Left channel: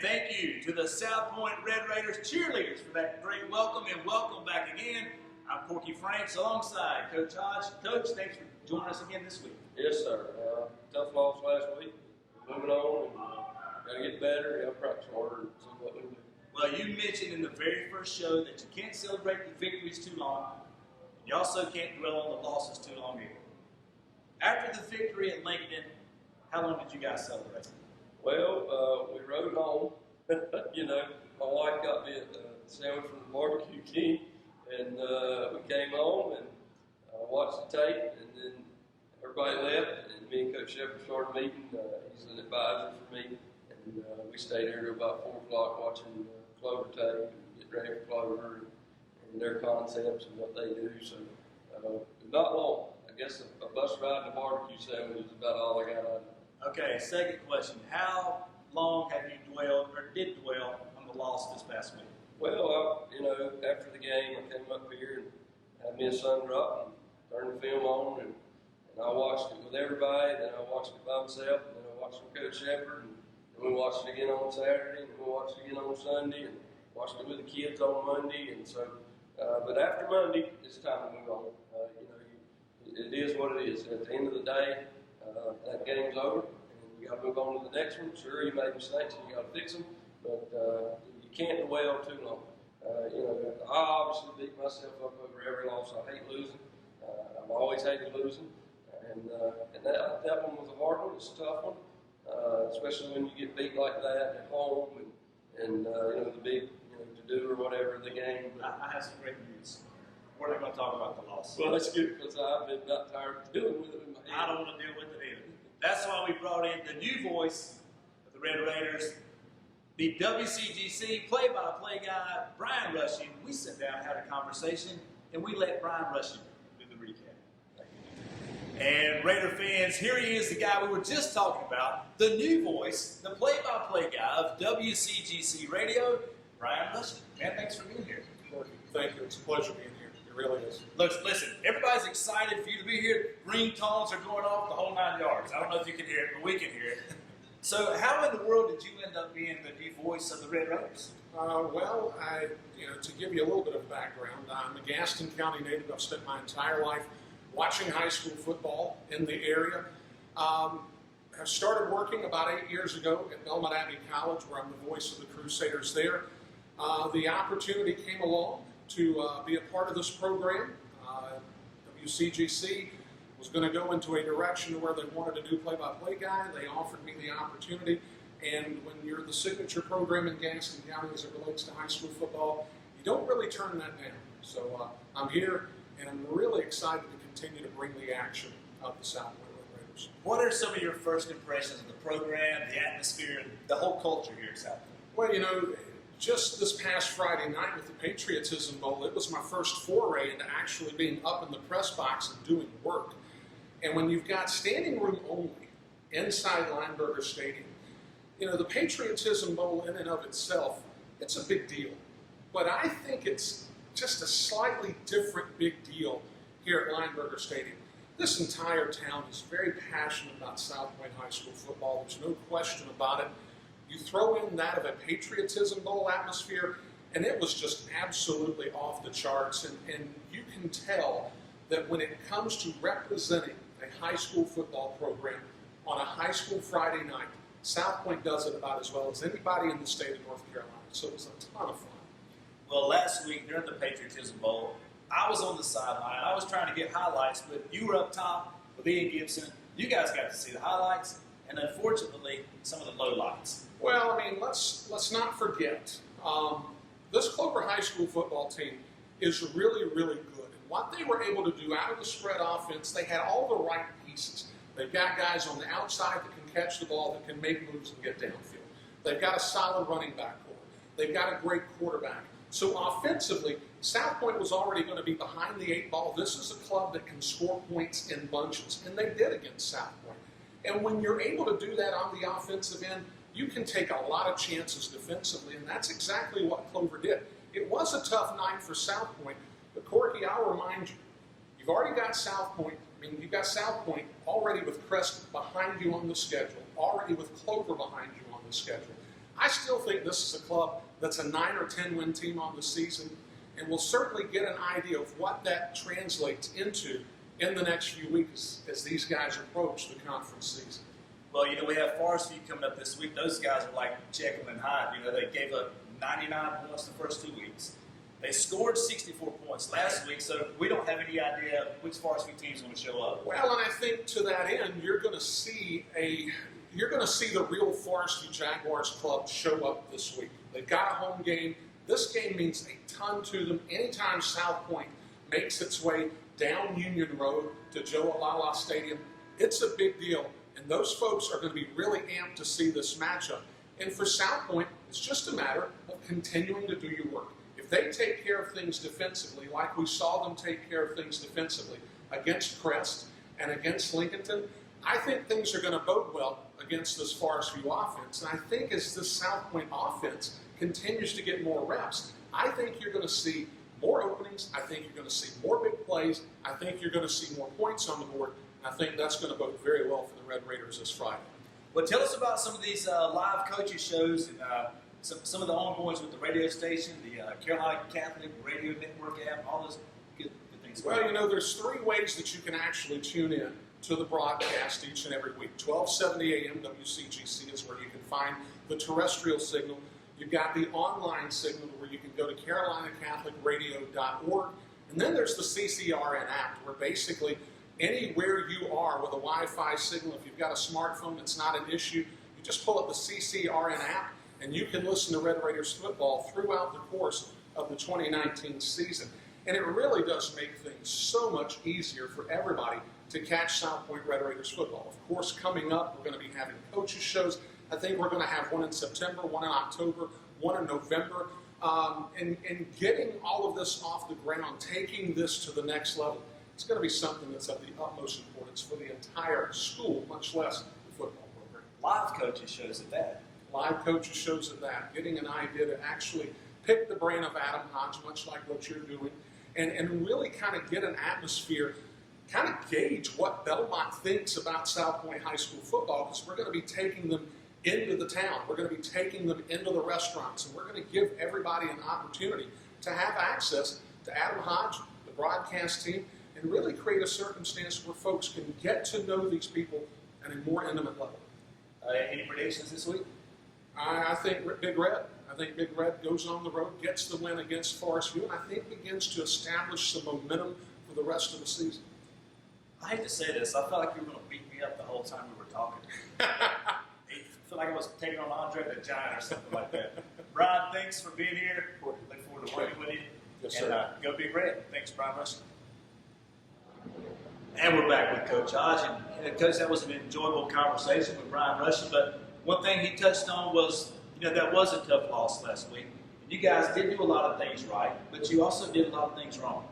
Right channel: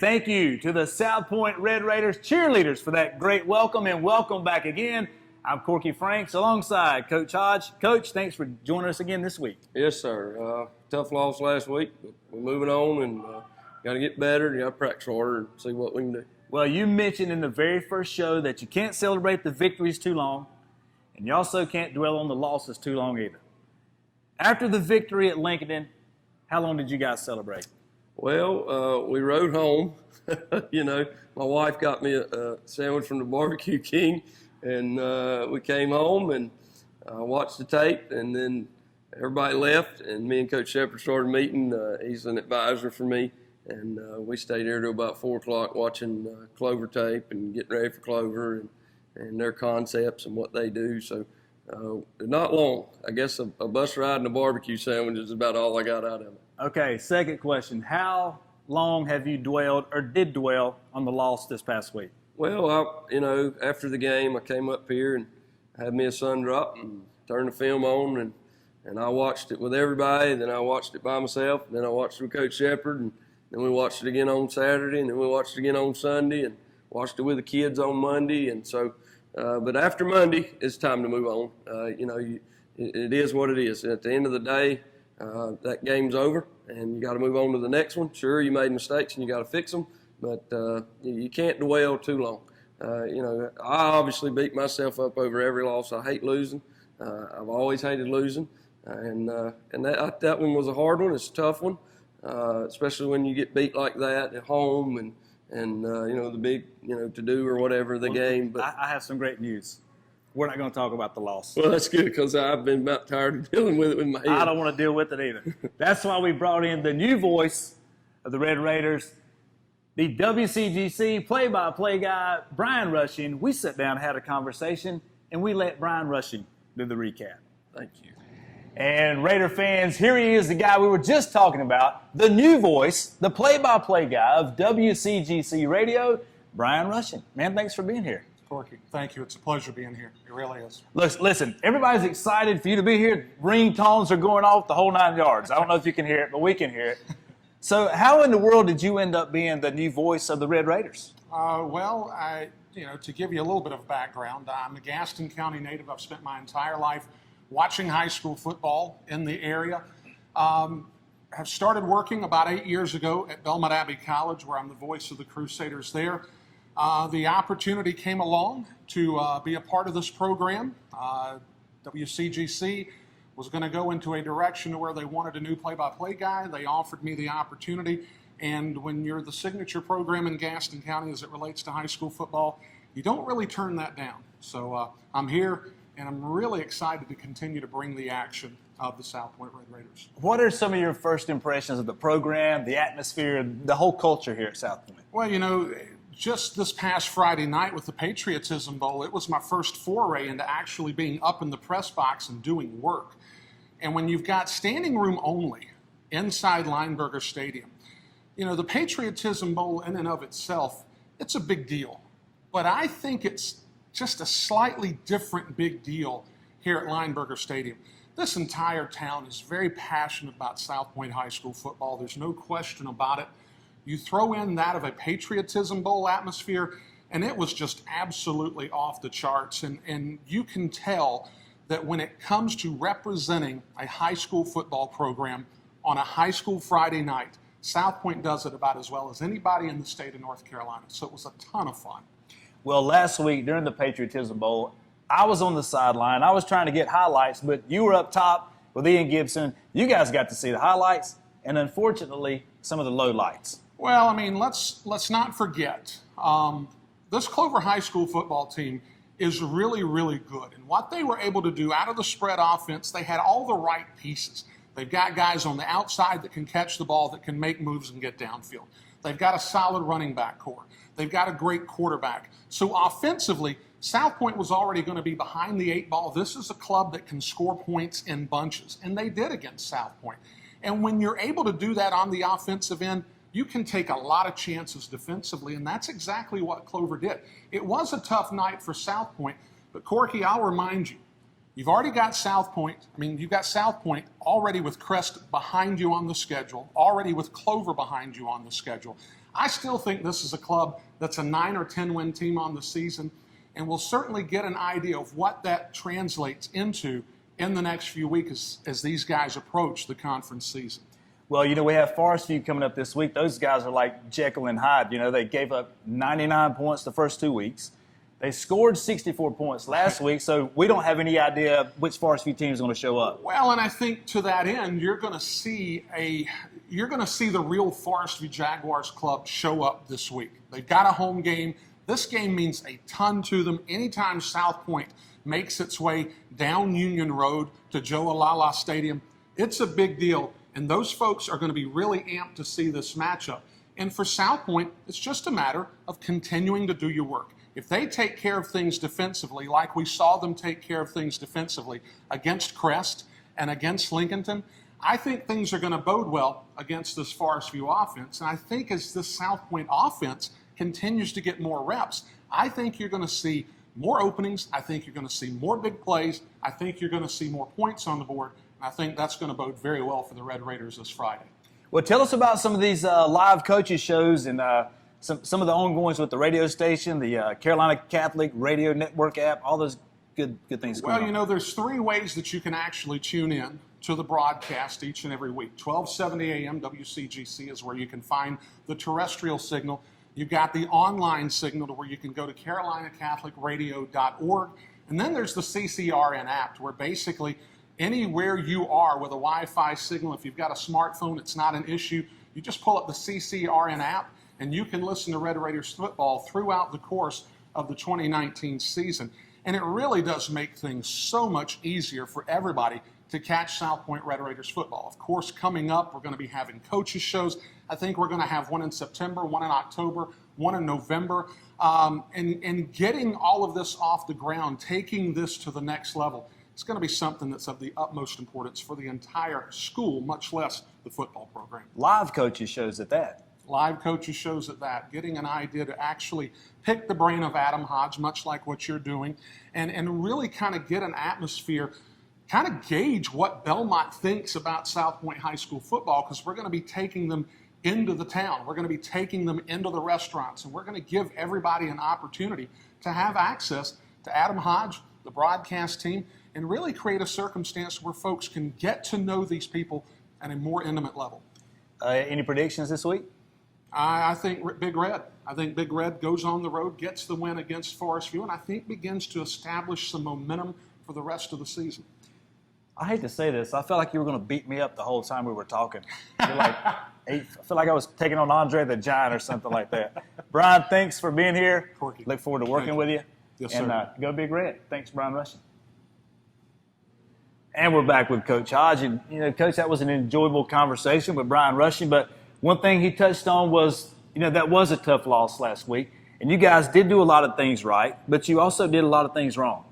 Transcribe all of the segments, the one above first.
thank you to the South Point Red Raiders cheerleaders for that great welcome, and welcome back again. I'm Corky Franks alongside Coach Hodge. Coach, thanks for joining us again this week. Yes, sir. Tough loss last week, but we're moving on and got to get better and got to practice harder and see what we can do. Well, you mentioned in the very first show that you can't celebrate the victories too long, and you also can't dwell on the losses too long either. After the victory at Lincoln, how long did you guys celebrate? Well, we rode home. You know, my wife got me a sandwich from the Barbecue King, and we came home and watched the tape, and then everybody left, and me and Coach Shepard started meeting. He's an advisor for me, and we stayed here till about 4 o'clock watching Clover tape and getting ready for Clover and their concepts and what they do. So not long. I guess a bus ride and a barbecue sandwich is about all I got out of it. Okay, second question. How long have you dwelled or did dwell on the loss this past week? Well, after the game, I came up here and had me a sun drop and turned the film on, and I watched it with everybody. Then I watched it by myself. Then I watched it with Coach Shepard, and then we watched it again on Saturday, and then we watched it again on Sunday, and watched it with the kids on Monday. And so, but after Monday, it's time to move on. It is what it is. At the end of the day, that game's over, and you got to move on to the next one. Sure, you made mistakes, and you got to fix them, but you can't dwell too long. I obviously beat myself up over every loss. I hate losing. I've always hated losing, and that one was a hard one. It's a tough one, especially when you get beat like that at home and the big to do or whatever the game. But I have some great news. We're not going to talk about the loss. Well, that's good because I've been about tired of dealing with it with my head. I don't want to deal with it either. That's why we brought in the new voice of the Red Raiders, the WCGC play-by-play guy, Brian Rushing. We sat down and had a conversation, and we let Brian Rushing do the recap. Thank you. And Raider fans, here he is, the guy we were just talking about, the new voice, the play-by-play guy of WCGC Radio, Brian Rushing. Man, thanks for being here. Corky, thank you. It's a pleasure being here. It really is. Listen, everybody's excited for you to be here. Ringtones are going off the whole 9 yards. I don't know if you can hear it, but we can hear it. So how in the world did you end up being the new voice of the Red Raiders? To give you a little bit of background, I'm a Gaston County native. I've spent my entire life watching high school football in the area. Have started working about 8 years ago at Belmont Abbey College, where I'm the voice of the Crusaders there. The opportunity came along to be a part of this program. WCGC was going to go into a direction where they wanted a new play-by-play guy. They offered me the opportunity. And when you're the signature program in Gaston County as it relates to high school football, you don't really turn that down. So I'm here, and I'm really excited to continue to bring the action of the South Point Red Raiders. What are some of your first impressions of the program, the atmosphere, the whole culture here at South Point? Well, just this past Friday night with the Patriotism Bowl, it was my first foray into actually being up in the press box and doing work. And when you've got standing room only inside Lineberger Stadium, the Patriotism Bowl in and of itself, it's a big deal. But I think it's just a slightly different big deal here at Lineberger Stadium. This entire town is very passionate about South Point High School football. There's no question about it. You throw in that of a Patriotism Bowl atmosphere, and it was just absolutely off the charts. And you can tell that when it comes to representing a high school football program on a high school Friday night, South Point does it about as well as anybody in the state of North Carolina. So it was a ton of fun. Well, last week during the Patriotism Bowl, I was on the sideline. I was trying to get highlights, but you were up top with Ian Gibson. You guys got to see the highlights, and unfortunately, some of the lowlights. Well, let's not forget, this Clover High School football team is really, really good. And what they were able to do out of the spread offense, they had all the right pieces. They've got guys on the outside that can catch the ball, that can make moves and get downfield. They've got a solid running back core. They've got a great quarterback. So offensively, South Point was already going to be behind the 8 ball. This is a club that can score points in bunches, and they did against South Point. And when you're able to do that on the offensive end, you can take a lot of chances defensively, and that's exactly what Clover did. It was a tough night for South Point, but Corky, I'll remind you, you've already got South Point. You've got South Point already with Crest behind you on the schedule, already with Clover behind you on the schedule. I still think this is a club that's a 9 or 10 win team on the season, and we'll certainly get an idea of what that translates into in the next few weeks as these guys approach the conference season. Well, we have Forestview coming up this week. Those guys are like Jekyll and Hyde. They gave up 99 points the first 2 weeks. They scored 64 points last week, so we don't have any idea which Forestview team is going to show up. Well, and I think to that end, you're going to see the real Forestview Jaguars club show up this week. They've got a home game. This game means a ton to them. Anytime South Point makes its way down Union Road to Joe Alala Stadium, it's a big deal. And those folks are going to be really amped to see this matchup. And for South Point, it's just a matter of continuing to do your work. If they take care of things defensively, like we saw them take care of things defensively against Crest and against Lincolnton, I think things are going to bode well against this Forestview offense. And I think as this South Point offense continues to get more reps, I think you're going to see more openings. I think you're going to see more big plays. I think you're going to see more points on the board. I think that's going to bode very well for the Red Raiders this Friday. Well, tell us about some of these live coaches shows and some of the ongoings with the radio station, the Carolina Catholic Radio Network app, all those good things going on. Well, there's 3 ways that you can actually tune in to the broadcast each and every week. 1270 AM WCGC is where you can find the terrestrial signal. You've got the online signal to where you can go to carolinacatholicradio.org. And then there's the CCRN app, where basically anywhere you are with a Wi-Fi signal, if you've got a smartphone, it's not an issue. You just pull up the CCRN app, and you can listen to Red Raiders football throughout the course of the 2019 season. And it really does make things so much easier for everybody to catch South Point Red Raiders football. Of course, coming up, we're going to be having coaches shows. I think we're going to have one in September, one in October, one in November. And getting all of this off the ground, taking this to the next level, it's going to be something that's of the utmost importance for the entire school, much less the football program. Live coaches shows at that. Live coaches shows at that, getting an idea to actually pick the brain of Adam Hodge, much like what you're doing, and really kind of get an atmosphere, kind of gauge what Belmont thinks about South Point High School football, because we're going to be taking them into the town. We're going to be taking them into the restaurants, and we're going to give everybody an opportunity to have access to Adam Hodge, the broadcast team, and really create a circumstance where folks can get to know these people at a more intimate level. Any predictions this week? I think Big Red. I think Big Red goes on the road, gets the win against Forestview, and I think begins to establish some momentum for the rest of the season. I hate to say this. I felt like you were going to beat me up the whole time we were talking. I feel like I was taking on Andre the Giant or something like that. Brian, thanks for being here. Look forward to working with you. Yes, and sir. Go Big Red. Thanks, Brian Rushing. And we're back with Coach Hodge. And, Coach, that was an enjoyable conversation with Brian Rushing. But one thing he touched on was, that was a tough loss last week. And you guys did do a lot of things right, but you also did a lot of things wrong.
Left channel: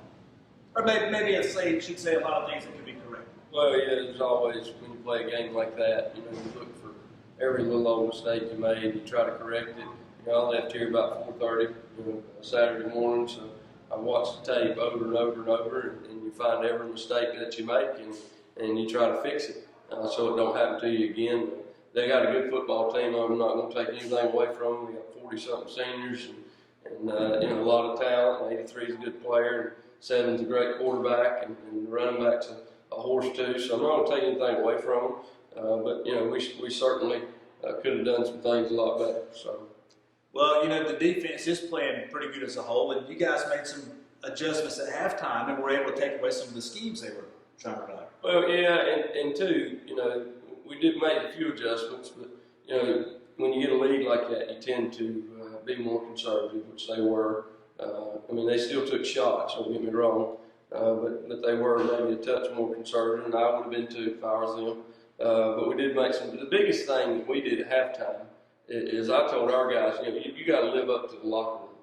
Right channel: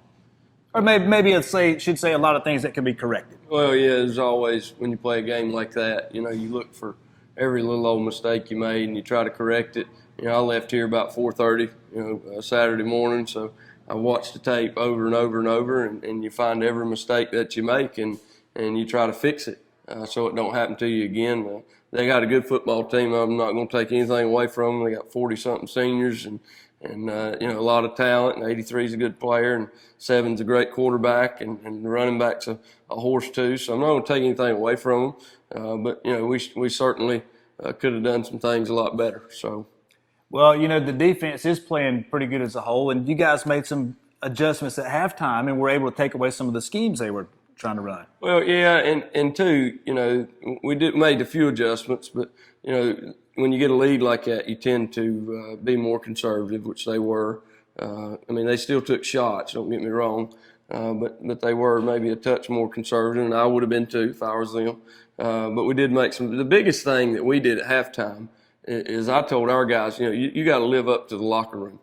Or maybe I should say a lot of things that can be corrected. Well, yeah, as always, when you play a game like that, you look for every little old mistake you made and you try to correct it. I left here about 4:30, Saturday morning, so I watched the tape over and over and over, and you find every mistake that you make and you try to fix it so it don't happen to you again. They got a good football team. I'm not going to take anything away from them. They got 40-something seniors and a lot of talent. And 83 is a good player, and 7's a great quarterback, and the running back's a horse too. So I'm not going to take anything away from them. But we certainly could have done some things a lot better. So. Well, the defense is playing pretty good as a whole, and you guys made some adjustments at halftime and were able to take away some of the schemes they were trying to run. Well, yeah, and two, we made a few adjustments, but, when you get a lead like that, you tend to be more conservative, which they were. They still took shots, don't get me wrong, but they were maybe a touch more conservative, and I would have been too if I was them. But we did make some. The biggest thing that we did at halftime is I told our guys, you got to live up to the locker room.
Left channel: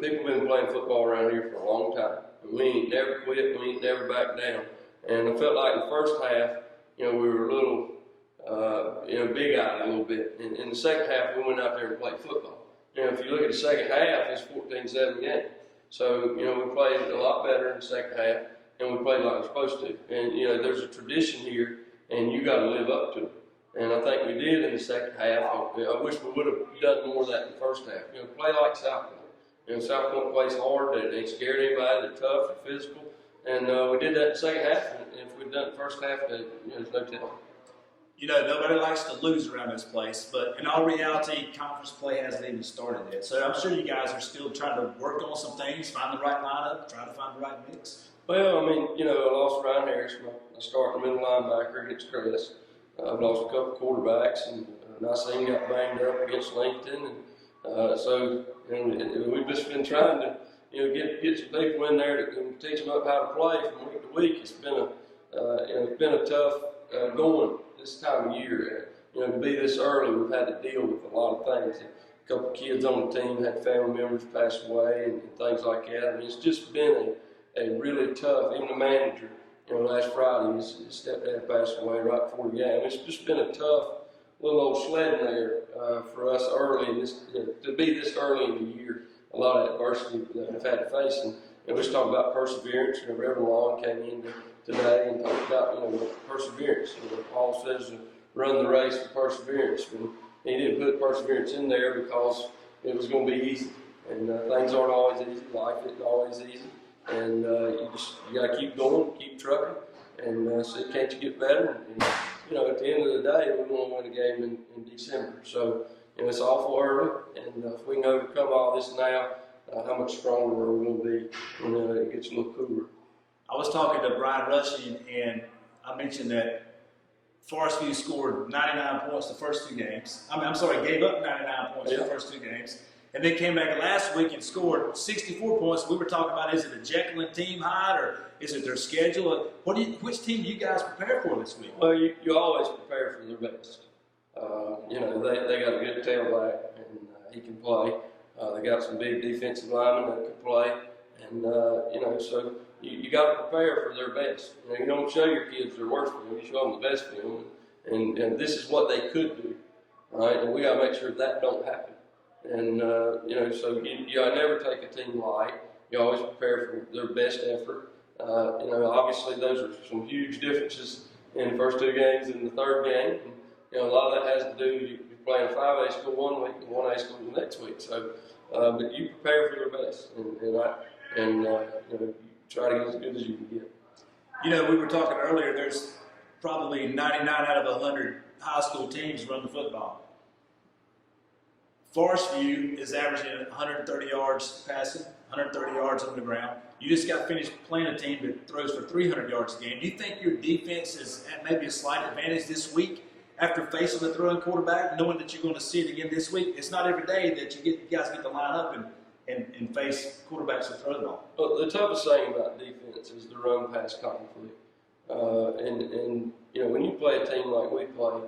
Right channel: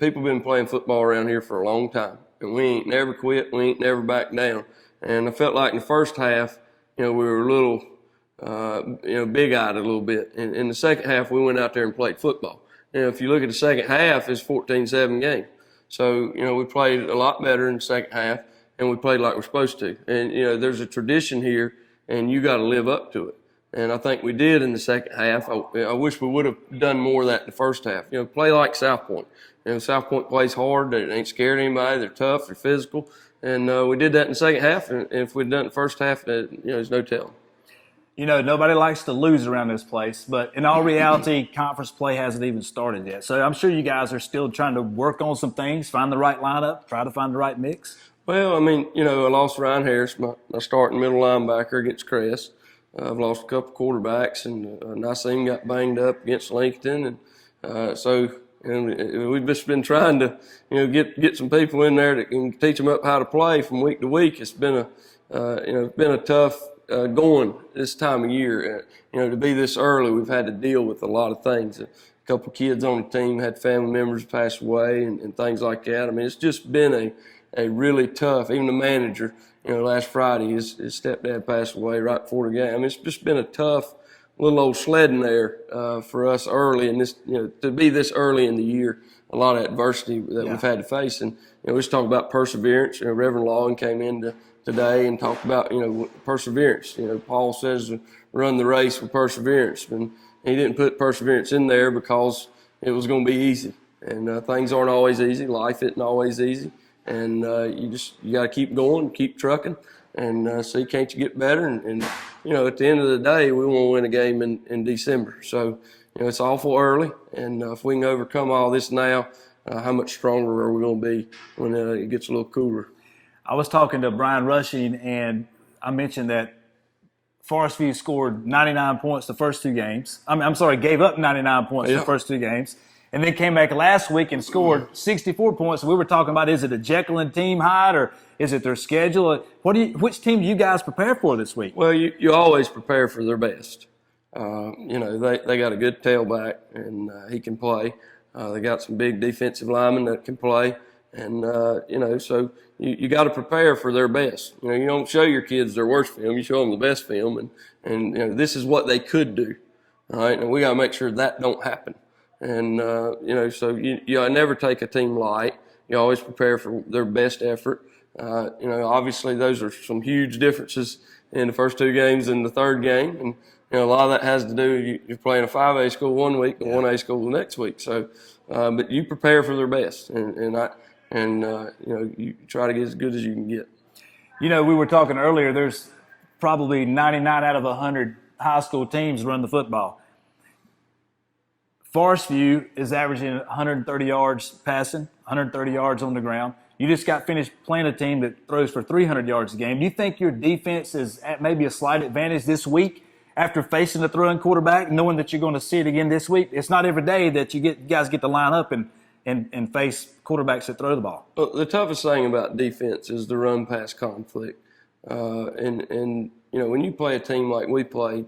People been playing football around here for a long time, and we ain't never quit. We ain't never back down. And I felt like in the first half, we were a little, big-eyed a little bit. And in the second half, we went out there and played football. If you look at the second half, it's 14-7 game. So, we played a lot better in the second half, and we played like we're supposed to. And, there's a tradition here, and you got to live up to it. And I think we did in the second half. I wish we would have done more of that in the first half. Play like South Point. South Point plays hard. They ain't scared of anybody. They're tough. They're physical. And we did that in the second half. And if we'd done it in the first half, there's no telling. Nobody likes to lose around this place, but in all reality, conference play hasn't even started yet. So I'm sure you guys are still trying to work on some things, find the right lineup, try to find the right mix. Well, I lost Ryan Harris, my starting middle linebacker against Crest. I've lost a couple quarterbacks, and Nassim got banged up against Lincoln, and so we've just been trying to get some people in there that can teach them up how to play from week to week. It's been a tough going this time of year. To be this early, we've had to deal with a lot of things. A couple kids on the team had family members pass away and things like that. It's just been a really tough. Even the manager. Last Friday, his stepdad passed away right before the game. It's just been a tough little old sledding there for us early, and this, to be this early in the year, a lot of adversity that we've had to face. And we just talk about perseverance. Reverend Long came in today and talked about perseverance. Paul says run the race with perseverance, and he didn't put perseverance in there because it was going to be easy. And things aren't always easy. Life isn't always easy. And you got to keep going, keep trucking, and see can't you get better. And at the end of the day, we want to win a game in December. So it's awful early, and if we can overcome all this now, how much stronger are we going to be when it gets a little cooler? I was talking to Brian Rushing, and I mentioned that Forestview scored 99 points the first two games. Gave up 99 points the first two games. And then came back last week and scored 64 points. We were talking about, is it a Jekyll and team hide, or is it their schedule? Which team do you guys prepare for this week? Well, you always prepare for their best. They got a good tailback, and he can play. They got some big defensive linemen that can play. And, so you got to prepare for their best. You don't show your kids their worst film. You show them the best film. And this is what they could do. All right, and we got to make sure that don't happen. And, so you never take a team light. You always prepare for their best effort. Obviously those are some huge differences in the first two games and the third game. And, a lot of that has to do, you're playing a 5A school one week and 1A school the next week. So, but you prepare for their best. And you try to get as good as you can get. We were talking earlier, there's probably 99 out of 100 high school teams run the football. Forestview is averaging 130 yards passing, 130 yards on the ground. You just got finished playing a team that throws for 300 yards a game. Do you think your defense is at maybe a slight advantage this week after facing a throwing quarterback, knowing that you're going to see it again this week? It's not every day that you guys get to line up and face quarterbacks that throw the ball. Well, the toughest thing about defense is the run-pass conflict. When you play a team like we played,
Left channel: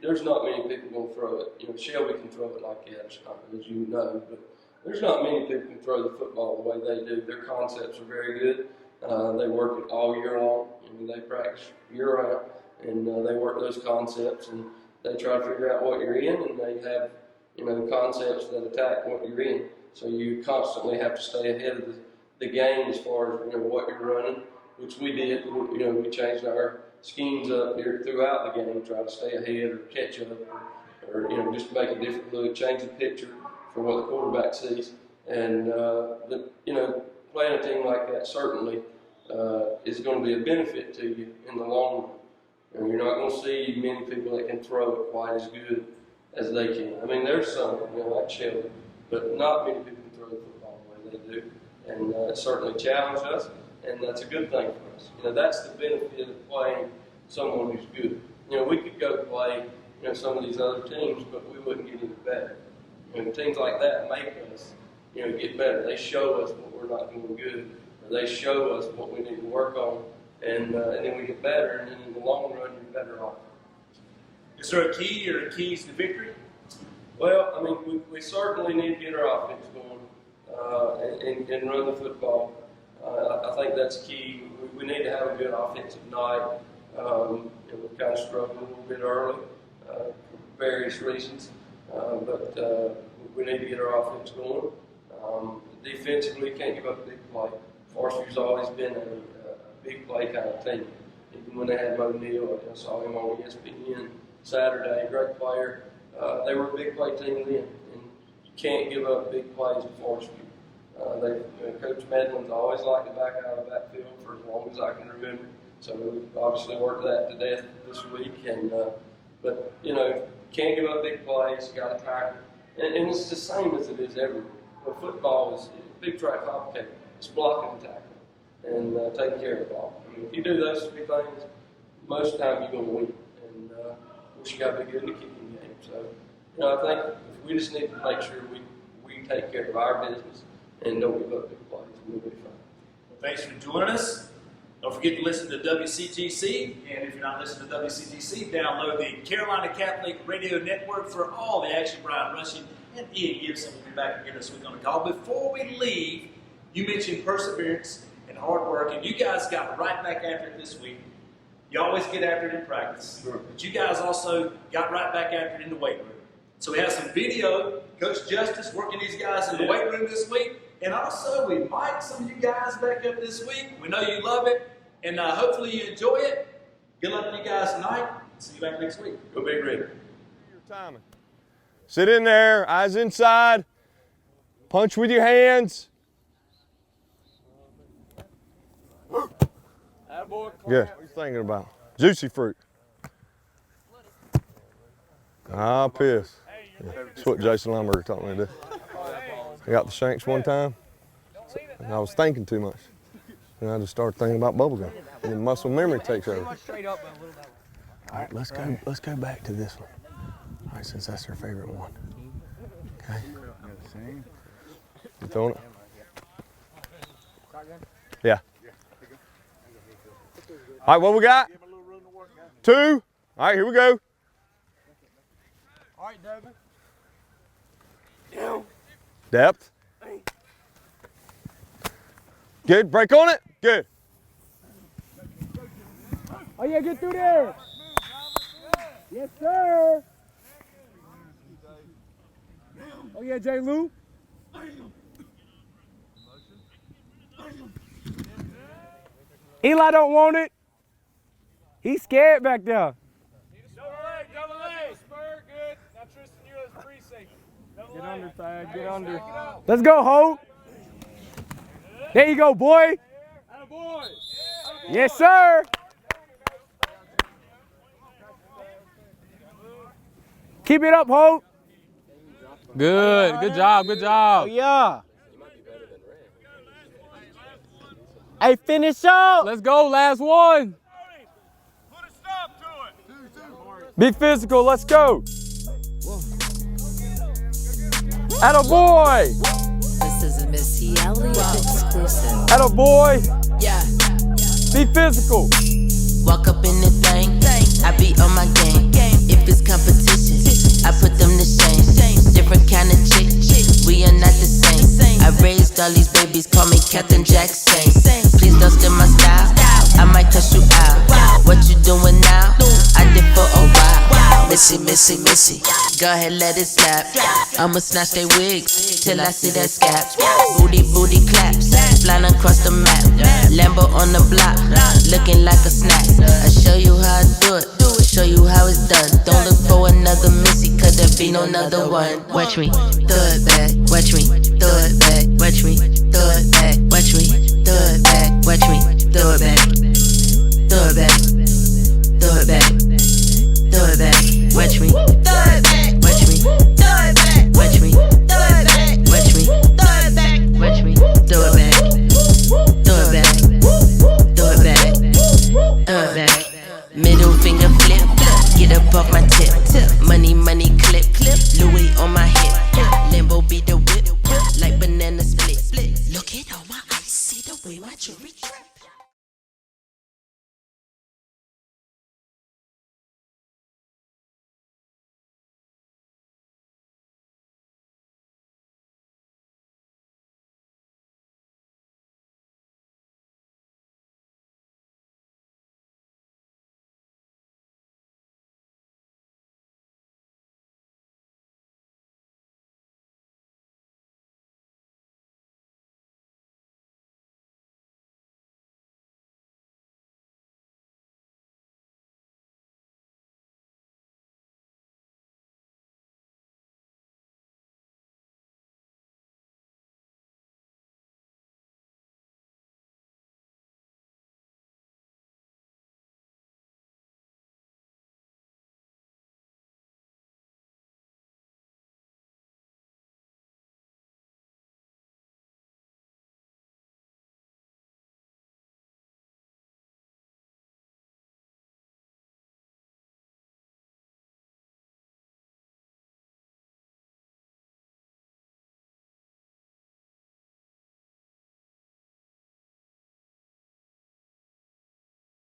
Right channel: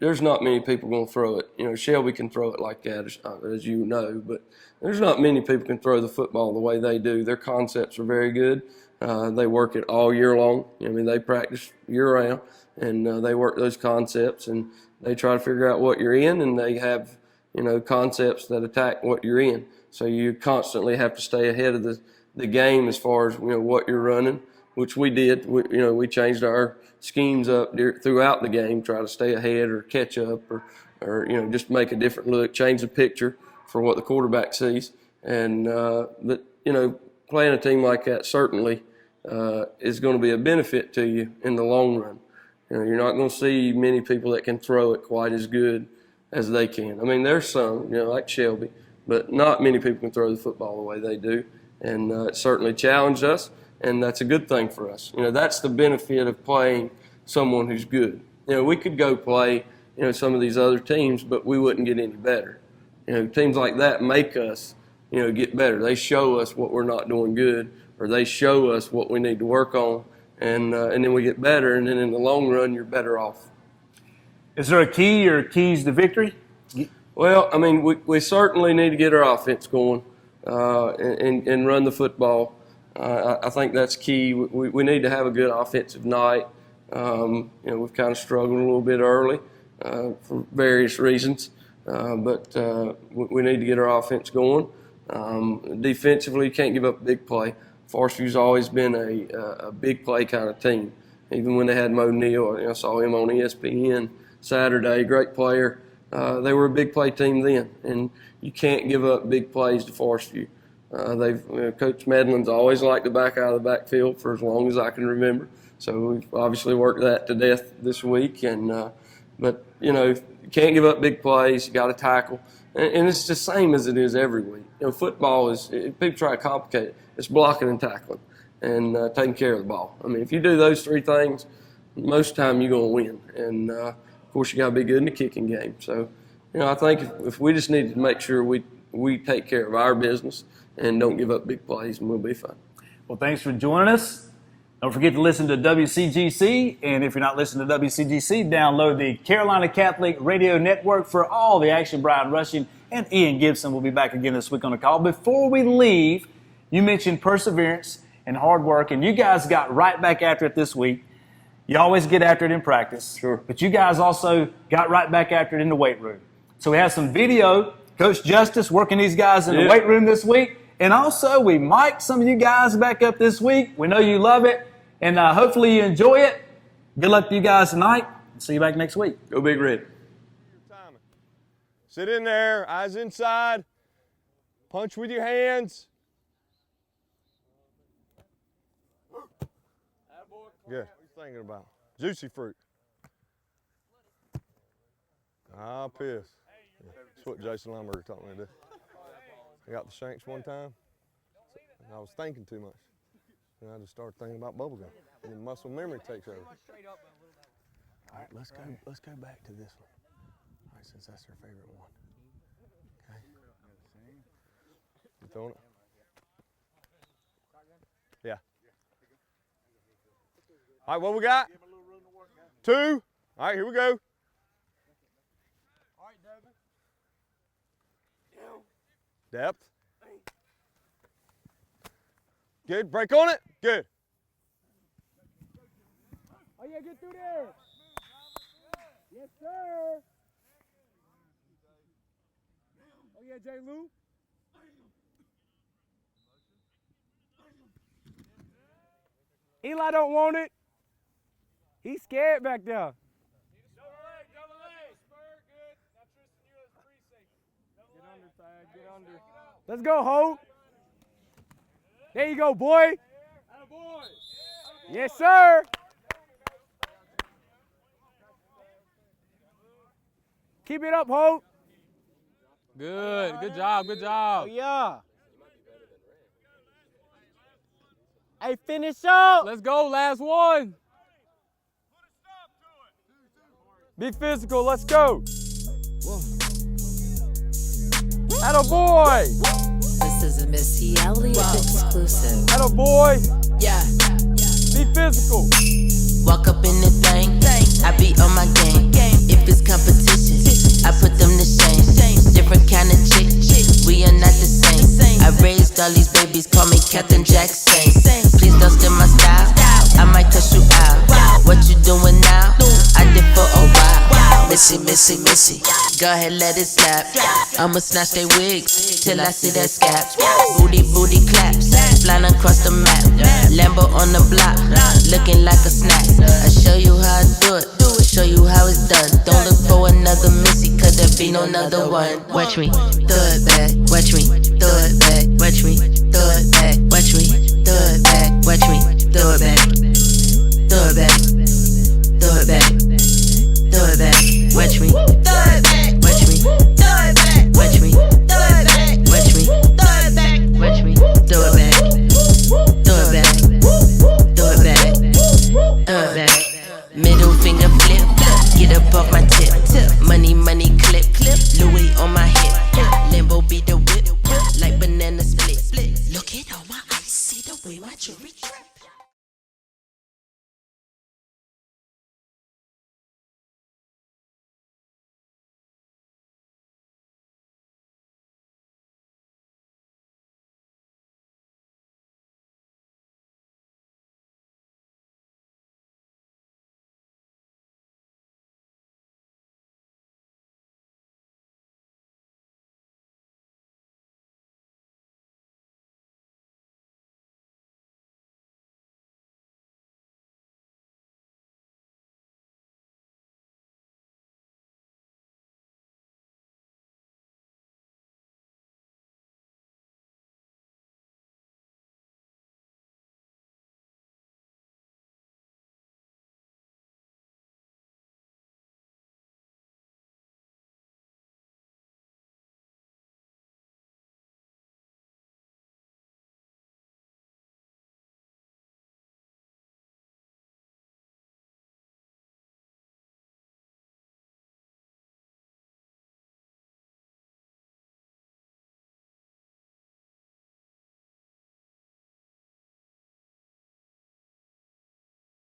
there's not many people going to throw it. Shelby can throw it like that, as you know, but there's not many people can throw the football the way they do. Their concepts are very good. They work it all year long. They practice year-round, and they work those concepts, and they try to figure out what you're in, and they have, concepts that attack what you're in. So you constantly have to stay ahead of the game as far as, what you're running, which we did. We changed our schemes up throughout the game, try to stay ahead or catch up or just make a different look, change the picture for what the quarterback sees. And, playing a team like that certainly is going to be a benefit to you in the long run. You're not going to see many people that can throw it quite as good as they can. There's some, like Shelby, but not many people can throw the football the way they do. And it certainly challenged us. And that's a good thing for us. That's the benefit of playing someone who's good. We could go play, some of these other teams, but we wouldn't get any better. Teams like that make us, get better. They show us what we're not doing good, or they show us what we need to work on, and then we get better, and then in the long run, you're better off. Is there a key or keys to victory? Well, we certainly need to get our offense going and run the football. I think that's key. We need to have a good offensive night. We've kind of struggled a little bit early for various reasons, but we need to get our offense going. Defensively, you can't give up a big play. Forestview's always been a big play kind of team. Even when they had Mo Neal, I saw him on ESPN Saturday, great player. They were a big play team then, and you can't give up big plays to Forestview. Coach Medlin's always liked to back out of the backfield for as long as I can remember. So we've obviously worked that to death this week. But you can't give up big plays. You got to tackle, and it's the same as it is every week. Football is, people try to complicate it. It's blocking and tackling and taking care of the ball. I mean, if you do those three things, most of the time you're going to win. And of course, you got to be good in the kicking game. So, I think if we just need to make sure we take care of our business and don't give up big plays, and we'll be fine. Well, thanks for joining us. Don't forget to listen to WCGC, and if you're not listening to WCGC, download the Carolina Catholic Radio Network for all the action. Brian Rushing and Ian Gibson will be back again this week on the call. Before we leave, you mentioned perseverance and hard work, and you guys got right back after it this week. You always get after it in practice, Sure. But you guys also got right back after it in the weight room. So we have some video, Coach Justice working these guys in the weight room this week. And also, we mic'd some of you guys back up this week. We know you love it, and hopefully you enjoy it. Good luck to you guys tonight. See you back next week. Go Big Red. Your timing. Sit in there, eyes inside. Punch with your hands. Good. What are you thinking about? Juicy fruit. Ah, piss. Yeah. That's what Jason Lumberger taught me to do. I got the shanks one time, and I was thinking too much. And I just started thinking about bubblegum, and then muscle memory takes over. All right, let's go back to this one. All right, since that's our favorite one. Okay. You throwing it? Yeah. All right, what we got? 2. All right, here we go. All right, Devin. Depth. Good. Break on it. Good. Oh, yeah, get through there. Yes, sir. Oh, yeah, J. Lou. Eli don't want it. He's scared back there. Double leg. Spur, good. Now Tristan, you as free safety. Get under, Thad. Get under. Let's go, Hope. There you go, boy. Attaboy. Yes, sir. Keep it up, Hope. Good. Good job. Good job. Oh, yeah. Hey, finish up. Let's go. Last one. Be physical. Let's go. Attaboy. This is a Missy Elliott exclusive. Attaboy. Yeah. Be physical. Walk up in the thing. I be on my game. If it's competition, I put them to shame. Different kind of chick. We are not the same. I raised all these babies, call me Captain Jackson. Please don't steal my style. I might cuss you out. What you doing now? I did for a while. Missy, missy, missy. Go ahead, let it slap. I'ma snatch they wigs till I see that scap. Booty, booty claps. Flying across the map. Lambo on the block, looking like a snack. I show you how I do it. Show you how it's done. Don't look for another Missy, cause there be no another one. Watch me, throw it back. Watch me, throw it back. Watch me, throw it back. Watch me, throw it back. Watch me, throw it back.